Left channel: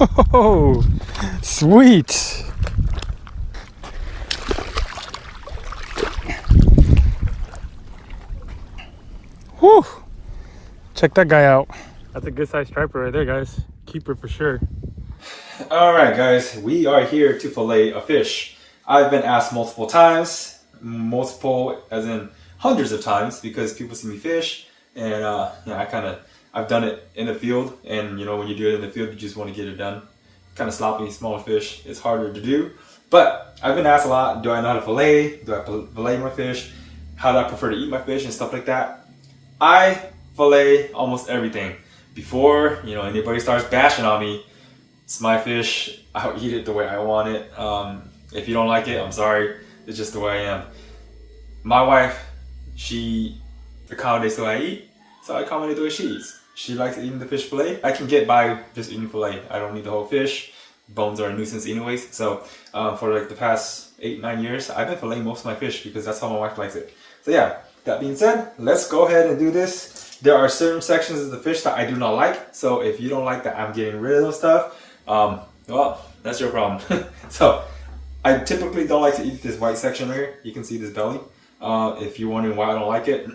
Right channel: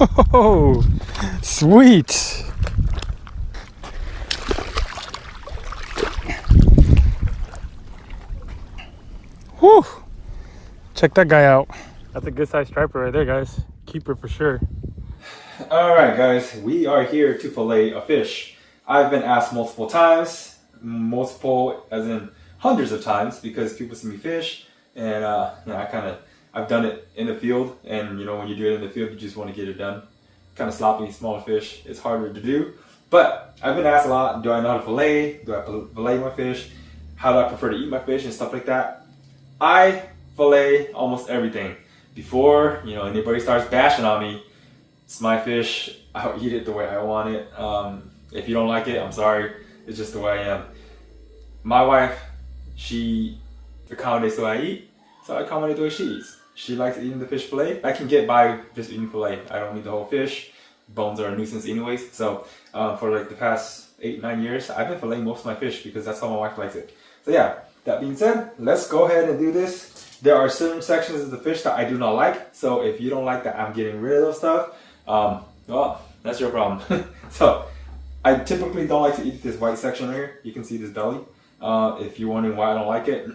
Oh, sweet. Whew. Check that guy out. That's a good sized striper right there, guys. Keeper for sure. All right, guys, we are here to fillet a fish. I've been asked multiple times, multiple as in hundreds of times, because people see me fish, and I've done it in the field, and when you do it in the field, you just want to get it done. Kind of sloppy, smaller fish, it's harder to do. But I've been asked a lot, do I know how to fillet? Do I fillet my fish? How do I prefer to eat my fish and stuff like that? I fillet almost everything. Before anybody starts bashing on me, it's my fish. I'll eat it the way I want it. If you don't like it, I'm sorry. It's just the way I am. My wife, she accommodates the way I eat, so I accommodate the way she eats. She likes eating the fish fillet. I can get by just eating fillet. I don't need the whole fish. Bones are a nuisance anyways. So for like the past 8-9 years, I've been filleting most of my fish because that's how my wife likes it. So yeah, that being said, let's go ahead and do this. There are certain sections of the fish that I do not like. So if you don't like that, I'm getting rid of those stuff. Well, that's your problem. So I typically don't like to eat this white section here. You can see this belly. If you're wondering why I don't like it,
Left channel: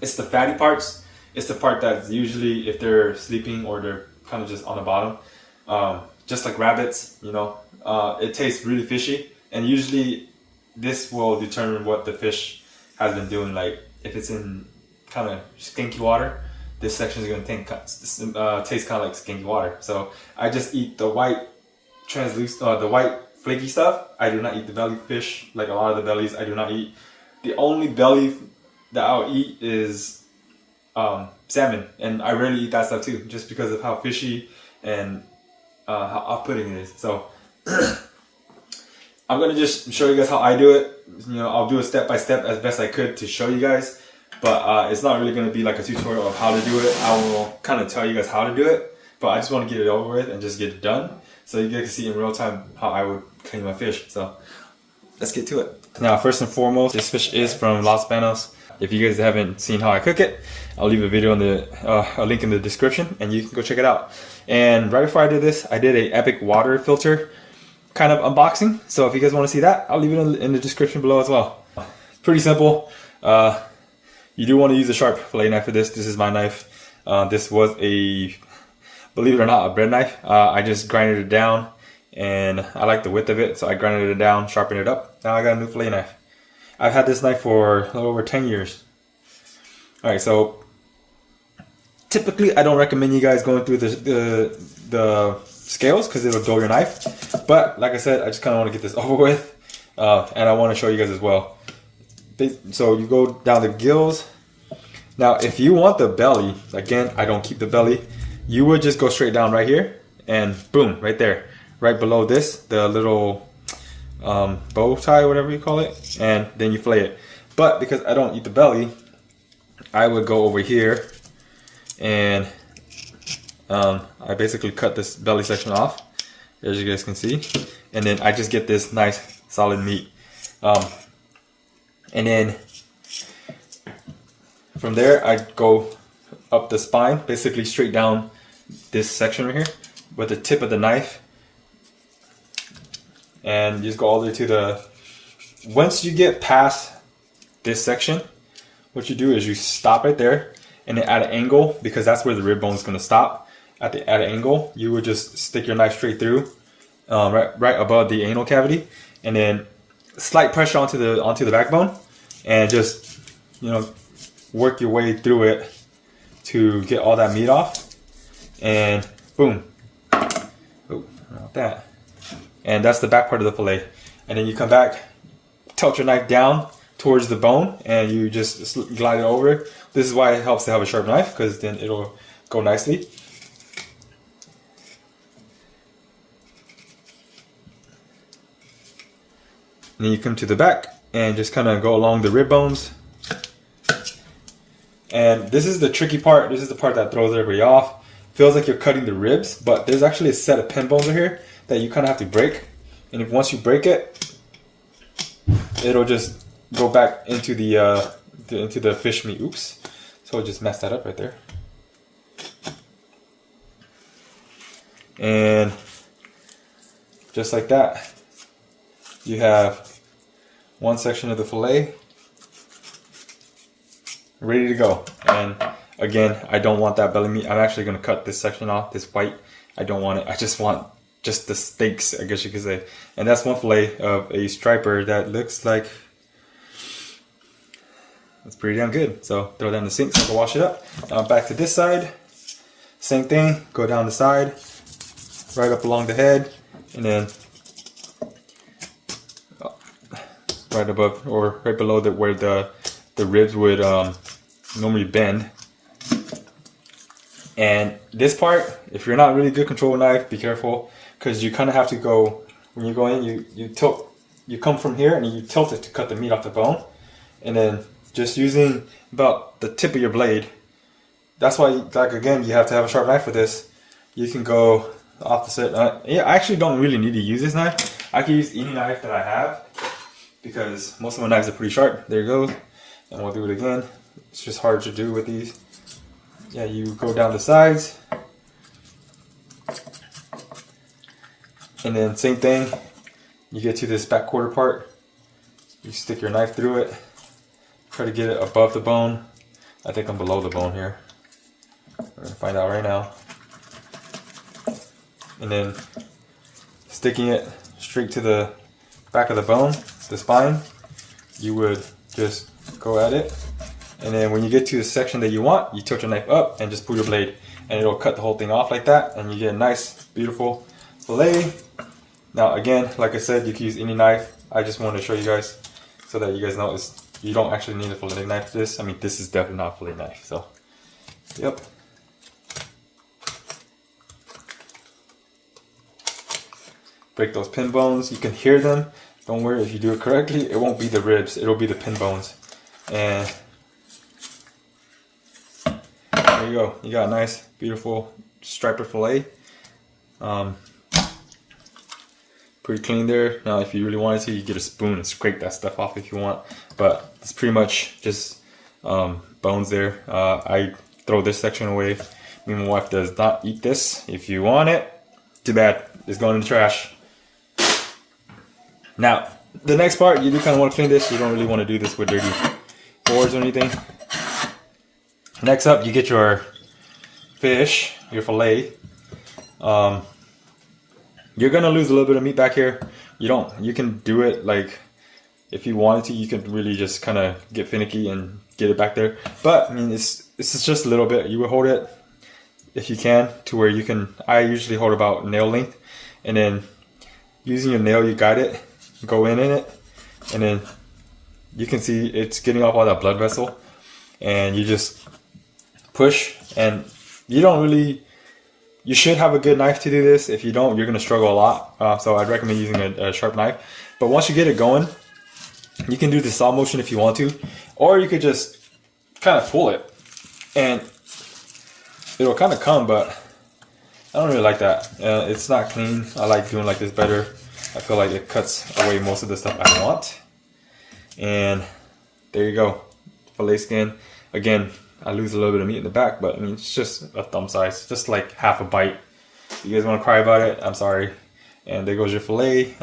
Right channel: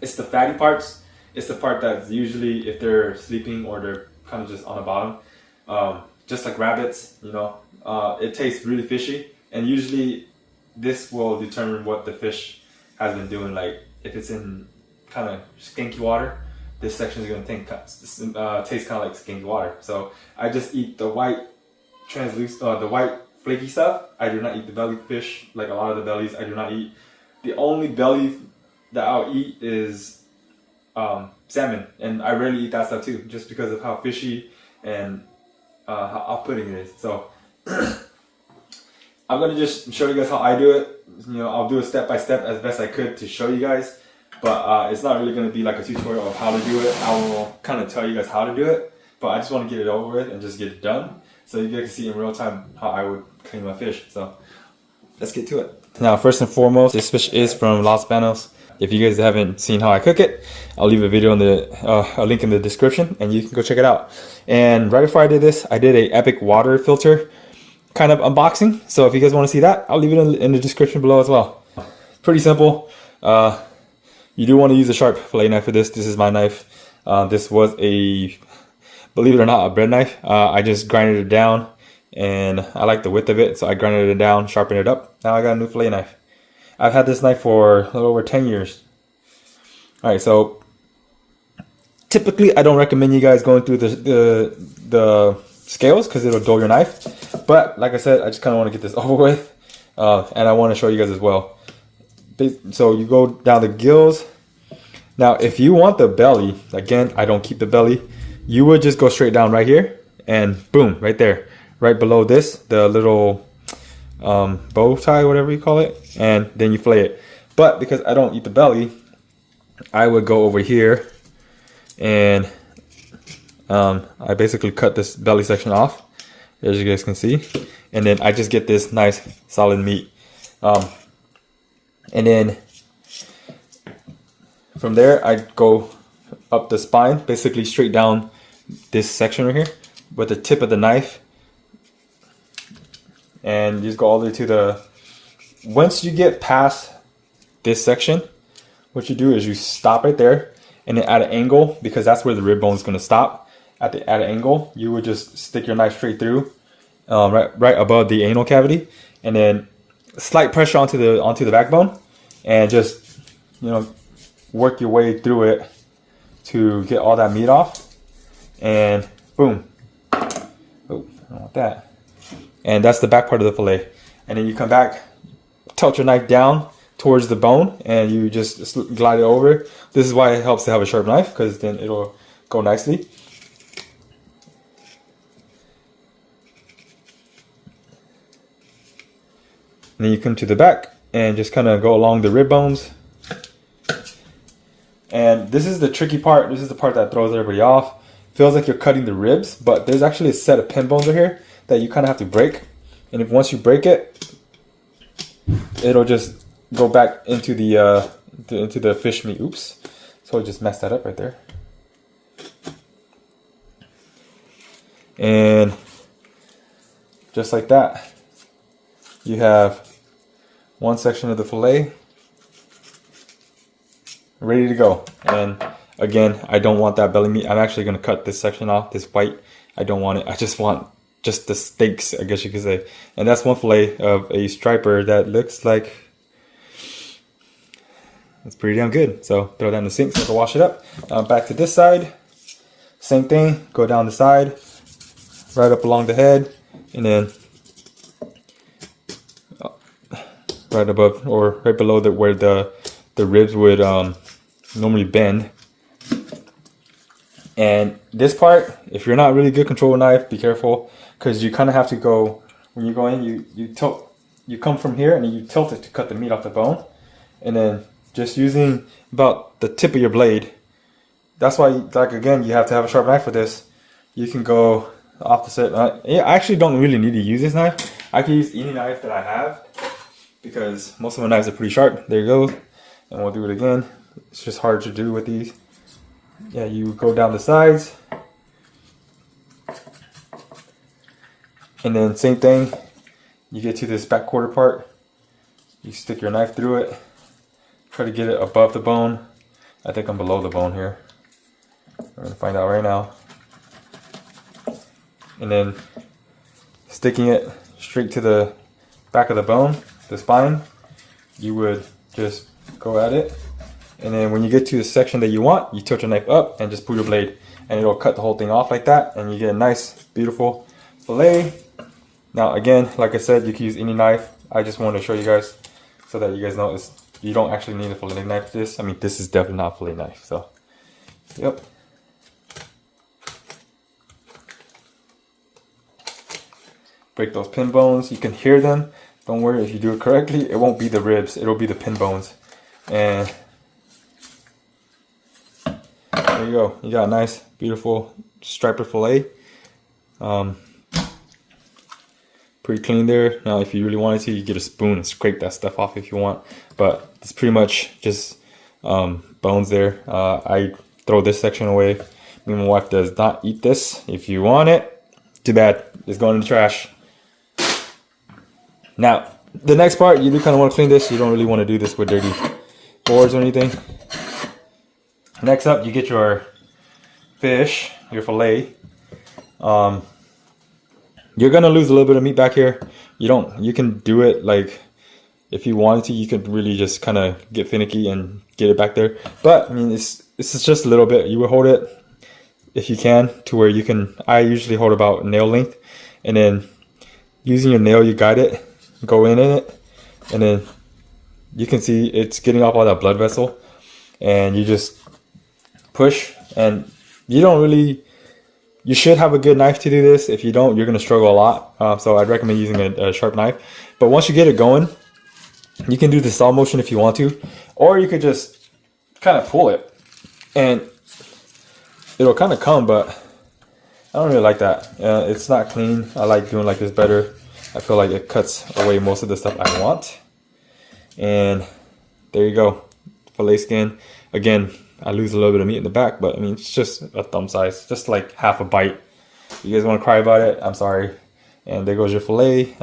it's the fatty parts. It's the part that's usually if they're sleeping or they're kind of just on the bottom. Just like rabbits, it tastes really fishy. And usually this will determine what the fish has been doing. Like if it's in kind of stinky water, this section is going to taste kind of like stinky water. So I just eat the white the white flaky stuff. I do not eat the belly fish, like a lot of the bellies I do not eat. The only belly that I'll eat is salmon, and I rarely eat that stuff too, just because of how fishy and how off-putting it is. So I'm gonna just show you guys how I do it. I'll do it step by step as best I could to show you guys, but it's not really gonna be like a tutorial of how to do it. I will kind of tell you guys how to do it, but I just want to get it over with and just get it done, so you guys can see in real time how I would clean my fish. So let's get to it. Now, first and foremost, this fish is from Los Banos. If you guys haven't seen how I cook it, I'll leave a video in a link in the description, and you can go check it out. And right before I did this, I did a epic water filter kind of unboxing. So if you guys want to see that, I'll leave it in the description below as well. Pretty simple. You do want to use a sharp fillet knife for this. This is my knife. This was a, believe it or not, a bread knife. I just grinded it down, and I like the width of it, so I grinded it down, sharpened it up. Now I got a new fillet knife. I've had this knife for a little over 10 years. Alright, so typically I don't recommend you guys going through the scales because it'll dull your knife. But like I said, I just kind of want to get this over with. And I want to show you guys as well. So you go down the gills. Now if you want the belly, again, I don't keep the belly. You would just go straight down right here and boom, right there. Right below this, the little bow tie, whatever you call it, and then you fillet it. But because I don't eat the belly, I would go over here and I basically cut this belly section off, as you guys can see, and then I just get this nice solid meat. And then from there I go up the spine, basically straight down this section right here with the tip of the knife. And you just go all the way to the, once you get past this section, what you do is you stop right there, and then at an angle, because that's where the rib bone is going to stop, at an angle, you would just stick your knife straight through, right above the anal cavity, and then slight pressure onto the backbone, and just work your way through it to get all that meat off, and boom. Oh, I don't want that. And that's the back part of the fillet. And then you come back, tilt your knife down towards the bone, and you just glide it over. This is why it helps to have a sharp knife, because then it'll go nicely. And then you come to the back and just kind of go along the rib bones. And this is the tricky part. This is the part that throws everybody off. Feels like you're cutting the ribs, but there's actually a set of pin bones right here that you kind of have to break, and if once you break it, it'll just go back into the fish meat. Oops, so just messed that up right there. And just like that, you have one section of the fillet ready to go. And again, I don't want that belly meat. I'm actually going to cut this section off, this white. I don't want it. I just want just the steaks, I guess you could say. And that's one fillet of a striper that looks like it's pretty damn good. So throw that in the sink so I can wash it up. Now back to this side. Same thing. Go down the side, right up along the head, and then right above or right below where the ribs would normally bend. And this part, if you're not really good control with knife, be careful, because you kind of have to go, when you go in, you tilt, you come from here and you tilt it to cut the meat off the bone, and then just using about the tip of your blade. That's why, like, again, you have to have a sharp knife for this. You can go opposite. Yeah, I actually don't really need to use this knife. I can use any knife that I have because most of my knives are pretty sharp. There you go. And we'll do it again. It's just hard to do with these. Yeah, you go down the sides. And then same thing. You get to this back quarter part. You stick your knife through it. Try to get it above the bone. I think I'm below the bone here. I'm gonna find out right now. And then sticking it straight to the back of the bone, the spine, you would just go at it. And then when you get to the section that you want, you tilt your knife up and just pull your blade, and it'll cut the whole thing off like that, and you get a nice, beautiful fillet. Now again, like I said, you can use any knife. I just wanted to show you guys so that you guys know you don't actually need a fillet knife for this. I mean, this is definitely not a fillet knife, so yep. Break those pin bones. You can hear them. Don't worry, if you do it correctly, it won't be the ribs, it'll be the pin bones. And there you go. You got a nice, beautiful striper fillet. Pretty clean there. Now, if you really wanted to, you get a spoon and scrape that stuff off if you want. But it's pretty much just bones there. I throw this section away. Me and my wife does not eat this. If you want it, too bad. It's going in the trash. Now, the next part, you do kind of want to clean this. You don't really want to do this with dirty boards or anything. Next up, you get your fish, your fillet. You're gonna lose a little bit of meat back here. You can do it like, if you wanted to, you could really just kind of get finicky and get it back there. But I mean, it's just a little bit. You would hold it if you can to where you can. I usually hold about nail length, and then using your nail, you guide it, go in it, and then you can see it's getting off all that blood vessel, and you just push. And you should have a good knife to do this. If you don't, you're gonna struggle a lot. So I'd recommend using a sharp knife. But once you get it going, you can do the saw motion if you want to, or you could just kind of pull it and it'll kind of come, but I don't really like that. It's not clean. I like doing like this better. I feel like it cuts away most of the stuff I want. And there you go, fillet skin. Again, I lose a little bit of meat in the back, but I mean, it's just a thumb size, just like half a bite. If you guys want to cry about it, I'm sorry. And there goes your fillet.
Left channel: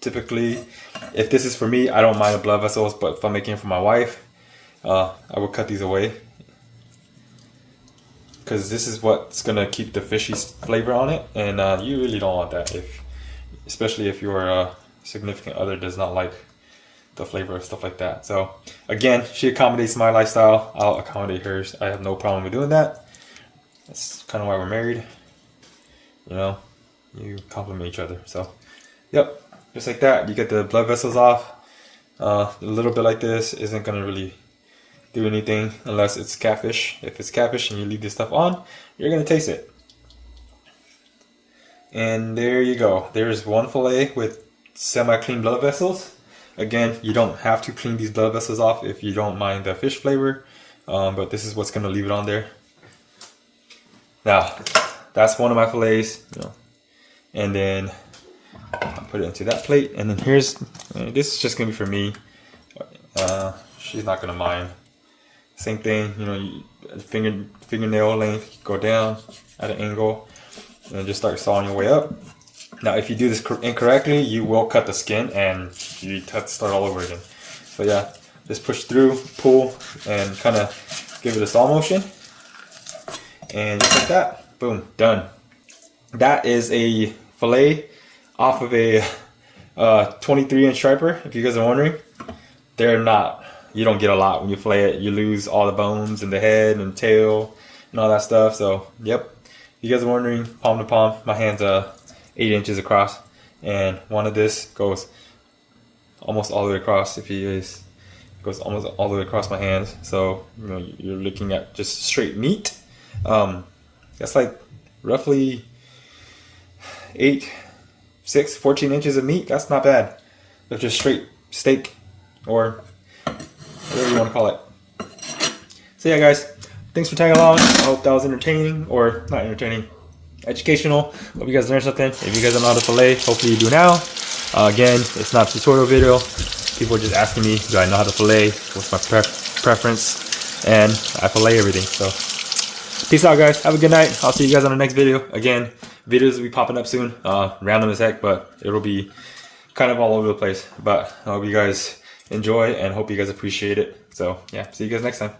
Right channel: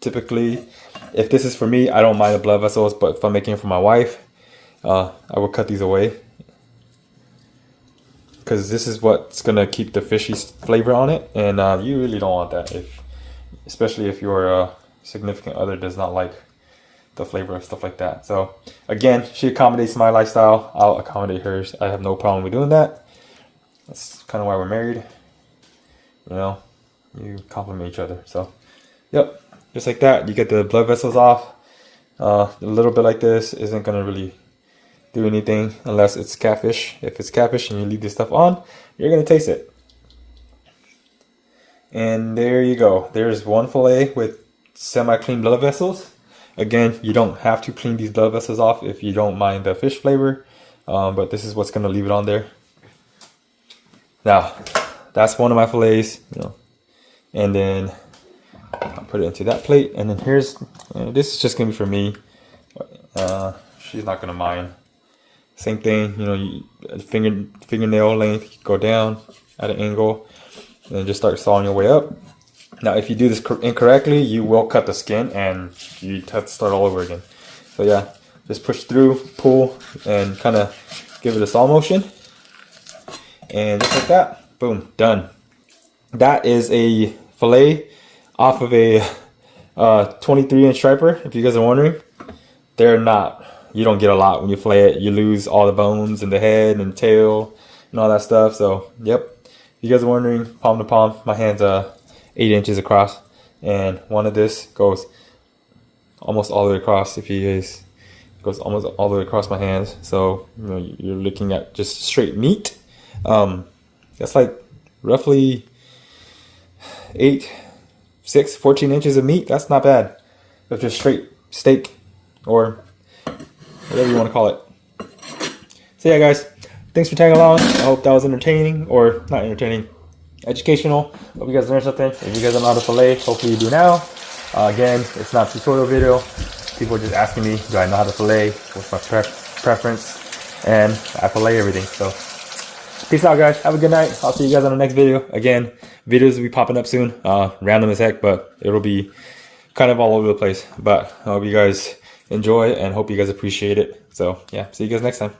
Typically, if this is for me, I don't mind the blood vessels, but if I'm making it for my wife, I will cut these away, because this is what's gonna keep the fishy flavor on it, and you really don't want that, especially if your significant other does not like the flavor of stuff like that. So again, she accommodates my lifestyle, I'll accommodate hers. I have no problem with doing that. That's kind of why we're married, you know, you complement each other. So yep, just like that, you get the blood vessels off. A little bit like this isn't gonna really do anything unless it's catfish. If it's catfish and you leave this stuff on, you're gonna taste it. And there you go, there's one fillet with semi-clean blood vessels. Again, you don't have to clean these blood vessels off if you don't mind the fish flavor, but this is what's gonna leave it on there. Now, that's one of my fillets, you know, and then I'll put it into that plate. And then here's, this is just gonna be for me. She's not gonna mind. Same thing, you know, fingernail length, go down at an angle. and just start sawing your way up. Now, if you do this incorrectly, you will cut the skin and you have to start all over again. So yeah, just push through, pull, and kind of give it a saw motion. And just like that, boom, done. That is a fillet off of a 23-inch striper, if you guys are wondering. They're not, you don't get a lot when you fillet it. You lose all the bones and the head and tail and all that stuff. So, yep. If you guys are wondering, palm to palm, my hand's 8 inches across. And one of this goes almost all the way across. If you guys, it goes almost all the way across my hands. So, you know, you're looking at just straight meat. That's like roughly 14 inches of meat. That's not bad. That's just straight steak or whatever you want to call it. So yeah, guys, thanks for tagging along. I hope that was entertaining, or not entertaining, educational. Hope you guys learned something. If you guys don't know how to fillet, hopefully you do now. Again, it's not a tutorial video. People are just asking me, do I know how to fillet? What's my preference? And I fillet everything. So peace out, guys. Have a good night. I'll see you guys on the next video. Again, videos will be popping up soon. Random as heck, but it'll be kind of all over the place. But I hope you guys enjoy and hope you guys appreciate it. So yeah, see you guys next time.